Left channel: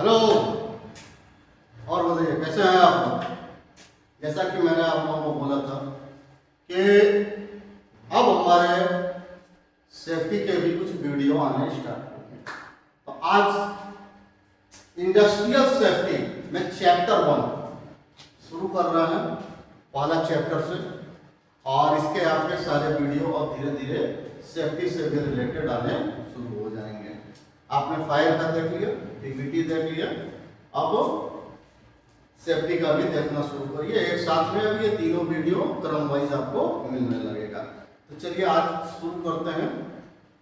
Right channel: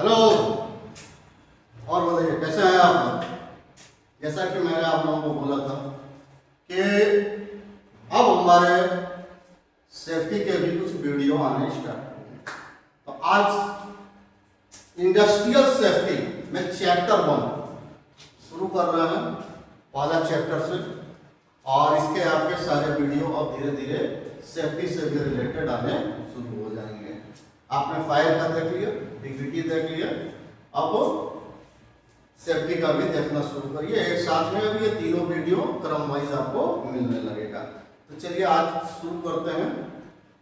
Hello. और बताइए कैसे हैं आप। जैसा कि मैंने आप लोगों को बोला था कि अब हमारे सेफ्टी के भी कुछ वीडियो आने स्टार्ट होंगे। तो आज इंडस्ट्रियल सेफ्टी में चैप्टर 1 शुरू कर रहे हैं, पहला चैप्टर से। और इसके आपके सारे वीडियो अब धीरे धीरे सेफ्टी से भी रिलेटेड आने शुरू हो जाएंगे। आपने फायर का देख लिया, डिग्निटी देख लिया, अब सेफ्टी का भी देखना शुरू करिए एक साथ में। अब ये तीनों वीडियो क्रम वाइज आपको मिलने लगेगा। तो चलिए आज शुरू करते हैं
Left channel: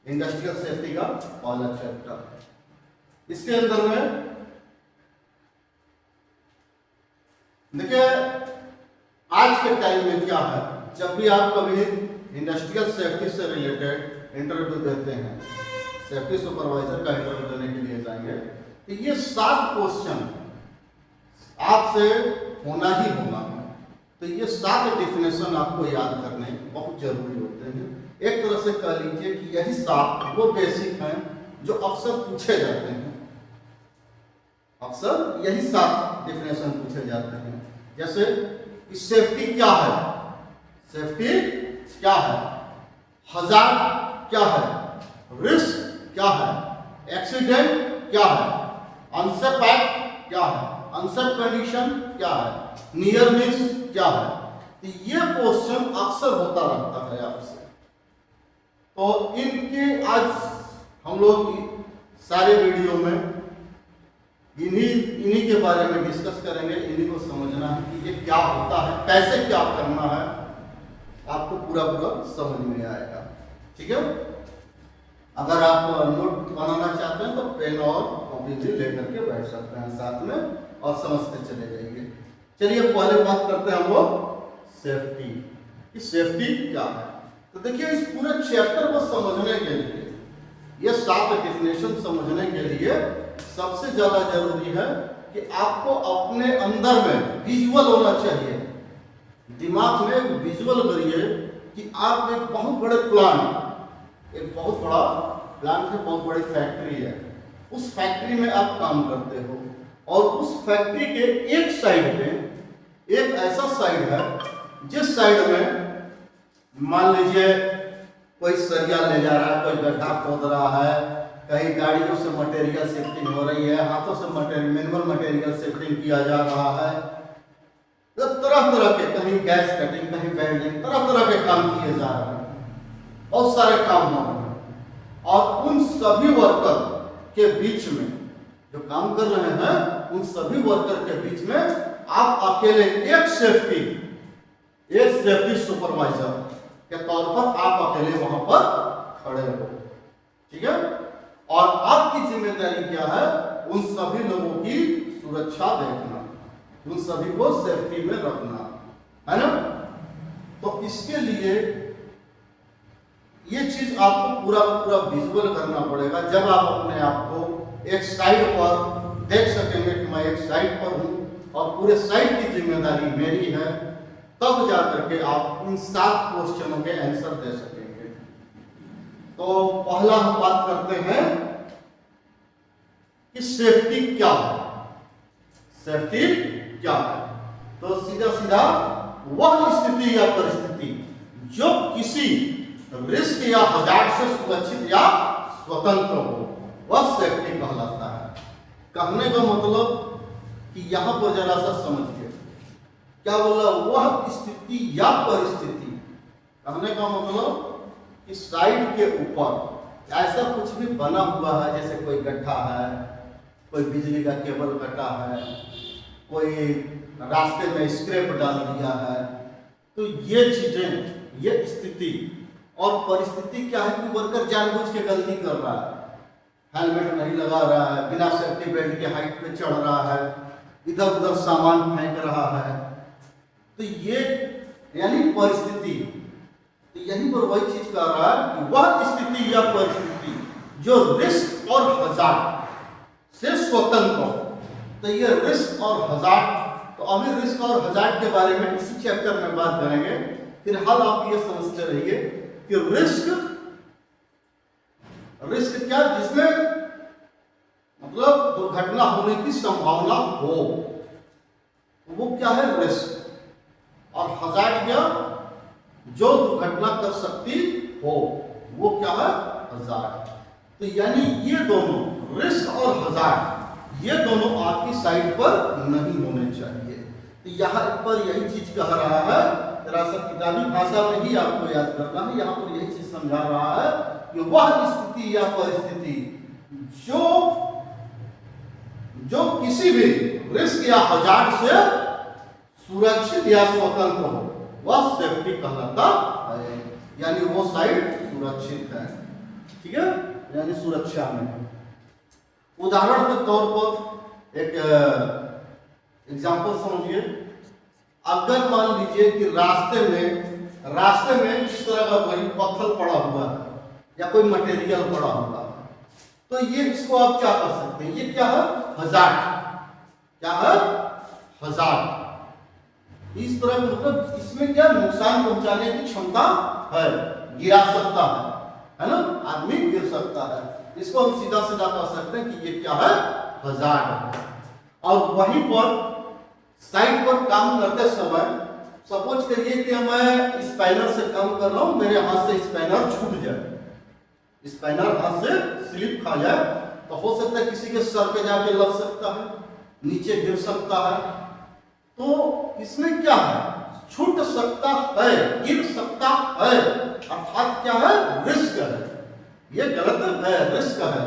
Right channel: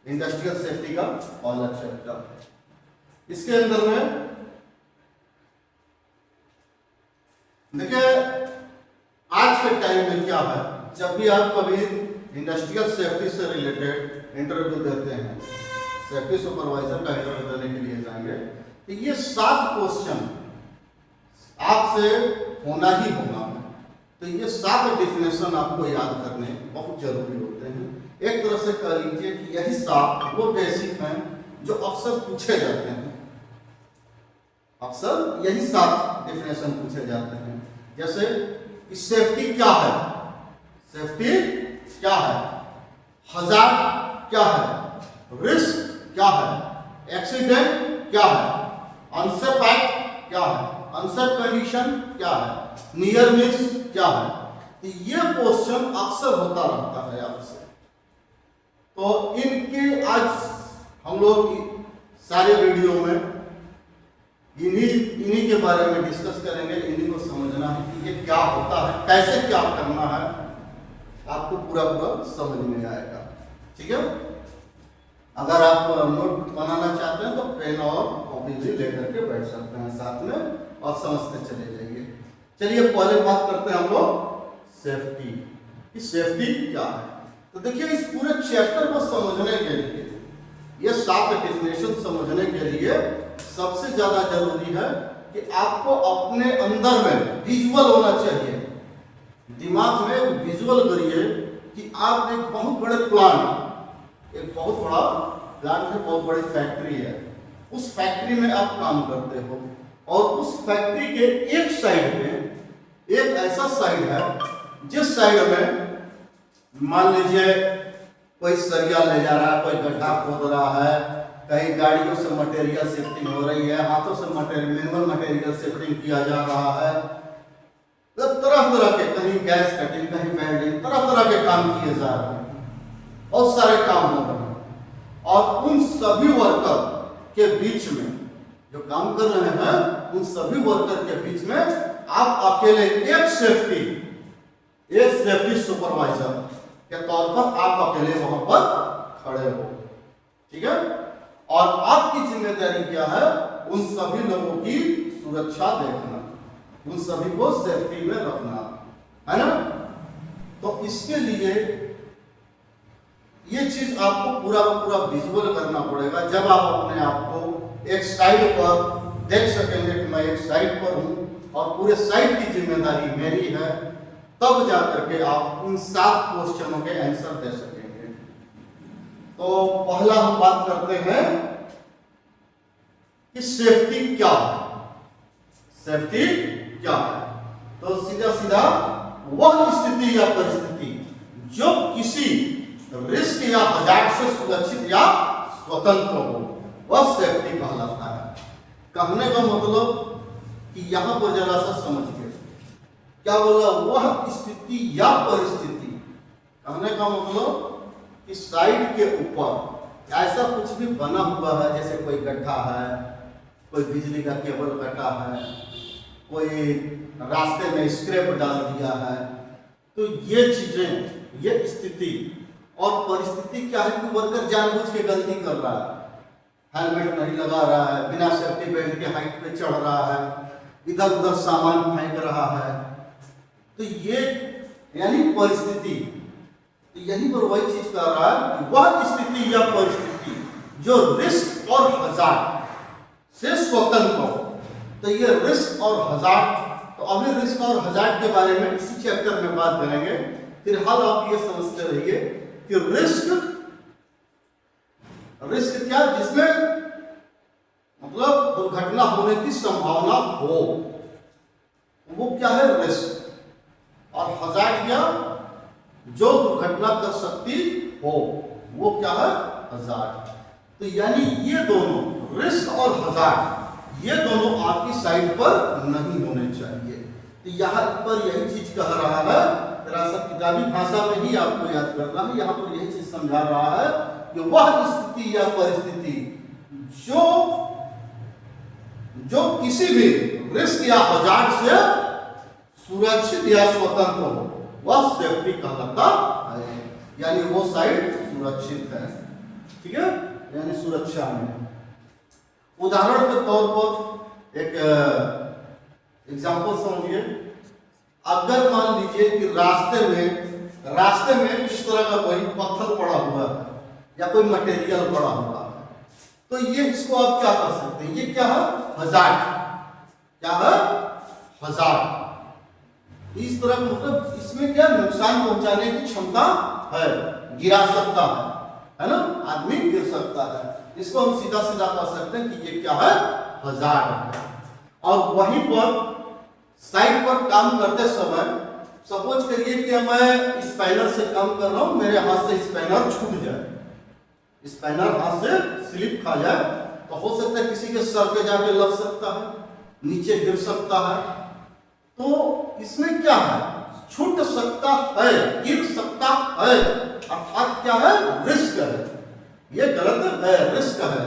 इंडस्ट्रियल सेफ्टी का पहला चैप्टर। इसके अंदर में देखिए आज के टाइम में क्या है, जब भी आप कभी इंडस्ट्रियल सेफ्टी से रिलेटेड इंटरव्यू देते हैं, सेफ्टी सुपरवाइजर का इंटरव्यू देने के लिए जाएंगे, तो ये 7 क्वेश्चन आपसे होना ही होना है। तो ये 7 डिफिनेशन आपको याद करने बहुत जरूरी होते हैं। एक तरह से कह लीजिए कि यही 7 वो बेसिक हैं जो अक्सर पूछे जाते हैं। अक्सर यही 7 डिफिनेशन पूछे जाते हैं। जैसे सेफ्टी क्या है, सेफ्टी क्या है, हजार्ड क्या है, रिस्क क्या है, एक्सीडेंट क्या है, अनसेफ एक्ट क्या है, अनसेफ कंडीशन क्या है, नियर मिस क्या है। तो ये क्वेश्चन अक्सर होता रहता है आपसे। तो इनके आज हम लोग सारे वीडियो में इन्हीं के बारे में डिस्कस करेंगे। इन्हीं को समझना है कि ये क्या होता है, कैसे क्या करना है, आपको पूरा समझ में आएगा। ठीक है। अगर आप नोट बनाना चाहते हैं तो पेन और कॉपी भी लेकर के बैठ सकते हैं साथ में और समझते चले जाइए। चलिए पहले बात करते हैं हम लोग सेफ्टी की। सेफ्टी क्या है, तो देखिए इस पूरे चैप्टर को समझने के लिए, ये 7 डेफिनेशन समझने के लिए सबसे ज्यादा जरूरी है कि आपको अपने अंदर में विजुअल होना चाहिए। दिमाग में एक विजुअल करिए कि आप एक बहुत बड़े प्लांट, एक बहुत बड़ा प्लांट है, बहुत बड़ी फैक्ट्री है, उस फैक्ट्री में आप काम करते हो और उस फैक्ट्री के एक साइड में एक ऐसा साइड है जिस साइड में मान लीजिए कोई सरिया ले जा रहा है, कोई गड्ढा खोद रहा है, कहीं गाड़ियों से मटेरियल शिफ्टिंग हो रही है, हाथों से मिनिमल मटेरियल शिफ्टिंग किया जा रहा है, तो तरह तरह के, कहीं गैस कटिंग, कहीं वेल्डिंग, तरह तरह के काम किए जा रहे हैं, बहुत सारे काम हो रहे हैं। और उन सभी वर्कर के बीच में जो काम कर रहे हैं, उन सभी वर्कर के बीच में आप अकेले एक सेफ्टी सुपरवाइजर के तौर पर आप अकेले वहां पर खड़े हो। ठीक है। और आपकी जिम्मेदारी क्या है, उन सभी लोगों की सुरक्षा देखना, उन सभी को सेफ्टी में रखना है ना। तो इसके लिए ये चीज आपको पूरा विजुअल करना पड़ेगा। जब आप अपने आप को एक साइड पर देख सकेंगे कि मैं एक साइड पर हूं और पूरे साइड की जिम्मेदारी मेरी है, तब जाकर के आप इन 7 क्वेश्चनों के आंसर दे सकेंगे। तो पहला हम बात करते हैं कि सेफ्टी क्या है। सेफ्टी क्या है, तो सीधा सीधा वह स्थिति या परिस्थिति जो किसी रिस्क या हजार्ड से सुरक्षित या स्वतंत्र हो, वह सेफ्टी कहलाता है। कहने का मतलब कि यहां पर जरा सा समझिए क्या बोला, वह स्थिति या परिस्थिति। कहने का मतलब कि साइड के ऊपर ऐसा कुछ भी बना हुआ है, जैसे कोई गड्ढा है, कोई बिजली का केबल कटा है, कोई रास्ते में स्क्रैप डाल दिया है, तो ये चीजें, ये स्थिति और परिस्थिति क्या है कि वर्कर जानबूझ के गलती कर रहा है, हेलमेट नहीं लगा रहा है, बिना सेफ्टी बेल्ट के हाइट पे चढ़ रहा है, इधर उधर सामान फेंक रहा है, तो ये यानी परिस्थिति। तो यहीं पर वही चीज कर रहा है कि वह स्थिति या परिस्थिति जो रिस्क और हजार्ड से स्वतंत्र हो। तो ये रिस्क और हजार्ड, तो अभी रिस्क और हजार्ड के बारे में इसी चैप्टर में बात करेंगे। फिलहाल आप ये समझते रहिए कि रिस्क क्या, जिसमें मतलब दुर्घटना होने की संभावना हो, वो क्या है? रिस्क। और हजार्ड क्या? जो दुर्घटना कर सकती हो, वो क्या है? हजार्ड। तो यानी ये दोनों, रिस्क और हजार्ड, ये दोनों आपकी साइड पर नहीं होने चाहिए। तो यहाँ पर यही चीज कह रहा है, जरा सा किताबी भाषा में ही आपको याद करना है। यहाँ पर यही चीज समझा रहा है कि वह स्थिति या परिस्थिति जो किसी भी रिस्क या हजार्ड से सुरक्षित या स्वतंत्र हो, वह सेफ्टी कहलाता है। यानी वो साइड सुरक्षित है, ठीक है, यानी सुरक्षा में। उदाहरण के तौर पर एक एग्जांपल समझिए। अगर मान लीजिए कि रास्ते में किस तरह का कोई पत्थर पड़ा हुआ है या कोई मटेरियल पड़ा हुआ है, तो ये इसको आप क्या कर सकते हैं? ये क्या है? हजार्ड। क्या है? हजार्ड। इस तरह मतलब इसमें क्या नुकसान पहुंचाने की क्षमता है, गिरा सकता है ना, आदमी गिर सकता है। इसको हम सीधा सीधा कह सकते हैं कि ये क्या है? हजार्ड है। और वहीं पर साइड पर काम करते समय सपोज करिए कि मैं स्पाइनर से काम कर रहा हूं, मेरे हाथ से स्पाइनर छूट जाए, स्पाइनर हाथ से स्लिप खा जाए, तो हो सकता है किसी के सर पे जाके लग सकता है, नीचे गिर सकता है। तो इसमें क्या है? छूट सकता है, गिर सकता है, अर्थात क्या है? रिस्क है। ये गलत है, रिस्क है।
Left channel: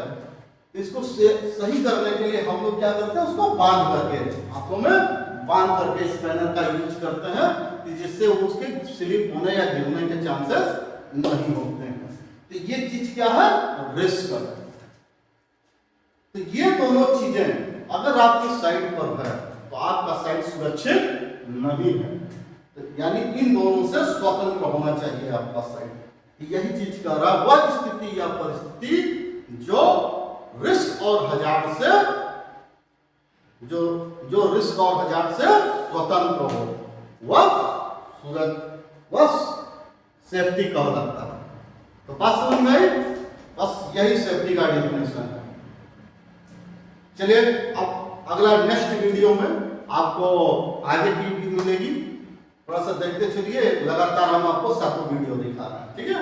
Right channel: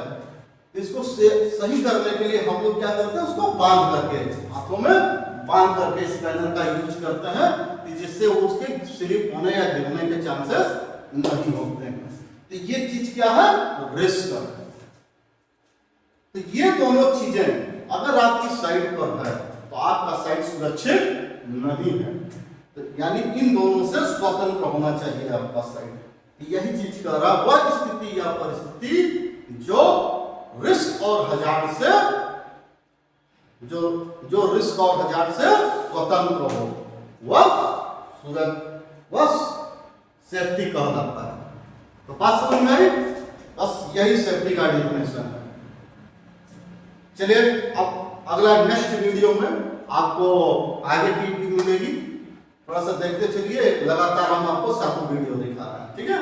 इसको सही करने के लिए हम लोग क्या करते हैं? उसको बांध करके, हाथों में बांध करके स्पैनर का यूज करते हैं, जिससे उसके स्लिप होने या गिरने के चांसेस नहीं होते हैं। तो ये चीज क्या है? रिस्क है। तो ये दोनों चीजें अगर आपकी साइड पर है तो आपका साइड सुरक्षित नहीं है। तो यानी इन दोनों से स्वतंत्र होना चाहिए आपका साइड। यही चीज कह रहा, वह स्थिति या परिस्थिति जो रिस्क और हजार्ड से जो रिस्क और हजार्ड से स्वतंत्र हो, वह सेफ्टी कहलाता है। तो बात समझ में आई? बस यही सेफ्टी का डेफिनेशन है। चलिए अब अगला नेक्स्ट वीडियो में आपको आगे की वीडियो मिलेगी, थोड़ा सा देखते चलिए, लगातार हम आपको सातों वीडियो दिखा रहे हैं, ठीक है।